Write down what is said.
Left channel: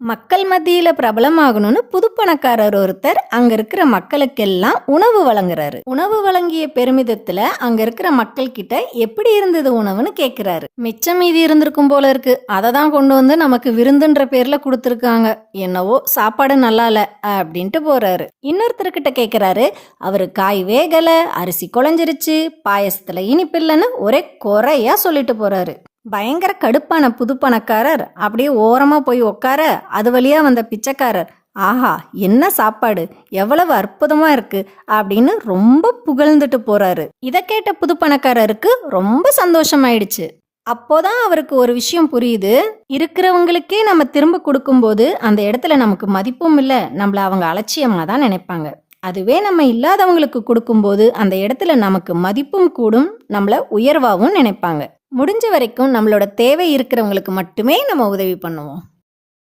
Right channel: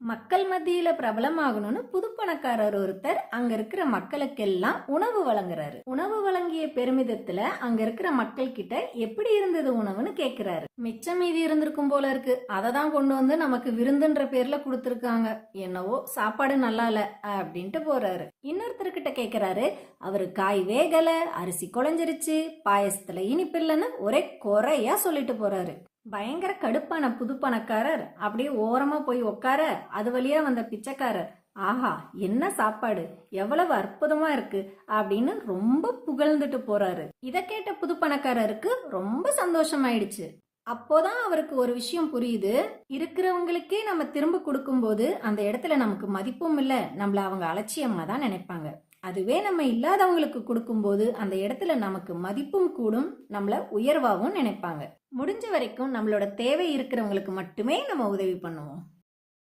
மக்கள் மத்தியில பிரபலமாகணும்னு புது பணக்காரர் ஒருத்தர் அங்க இருக்கிற மக்களுக்கெல்லாம் உணவு வழங்குறாரு. உணவு வழங்கிய பெருமிதத்துல அங்க இருக்கிற மக்கள் கிட்ட எப்படி இருந்தது உணவுன்னு கேக்குறாரு. மிச்சம் மீதி இருந்திருக்கும் போல இருக்கு, அதை தான் கொண்டு வந்து நமக்கு விருந்துன்ற பேர்ல கொடுத்துருக்காங்க, என்னவோ சாப்பாடு நல்லா இல்ல அப்படின்ட்டு போறாரு. இன்னொருத்தர்கிட்ட கேக்குறாரு, அவரு காய் வேகல, அரிசி குழஞ்சிருச்சு, பாயசத்துல இனிப்பு இல்லைன்னு ஒரே குறையா சொல்லிட்டு போறாரு. பயங்கர கடுப்பான புது பணக்காரர் அப்படியே ஓரமா போய் உக்கார, அது வழியா வந்த பிச்சைக்காரர், ஆஹா என்ன சாப்பாடு, எவ்வளவு அற்புதமா இருக்கு அப்படின்னு ரொம்ப புகழ்ந்துட்டு போறாரு. இதை கேட்ட புது பணக்காரருக்கு ரொம்ப சந்தோஷமாயிடுச்சு. அப்போதான் அவருக்கு ஒரு விஷயம் புரியுது, இருக்கிறவங்களுக்கே நம்ம திரும்ப கொடுக்கும்போது அந்த இடத்துல நமக்கு மதிப்பும் இல்லை, நம்மள அவங்க அலட்சியமாக தான் நினைப்பாங்க. அதுவே நம்ம இல்லாதவங்களுக்கு கொடுக்கும்போது அந்த இடத்துல நமக்கு மதிப்பும் கூடும், நம்மள உயர்வாகவும் நினைப்பாங்க. முடிஞ்ச வரைக்கும் நம்மளோட தேவை இருக்கிறவங்களுக்கு மட்டுமே நம்ம உதவி பண்ணுவோம்.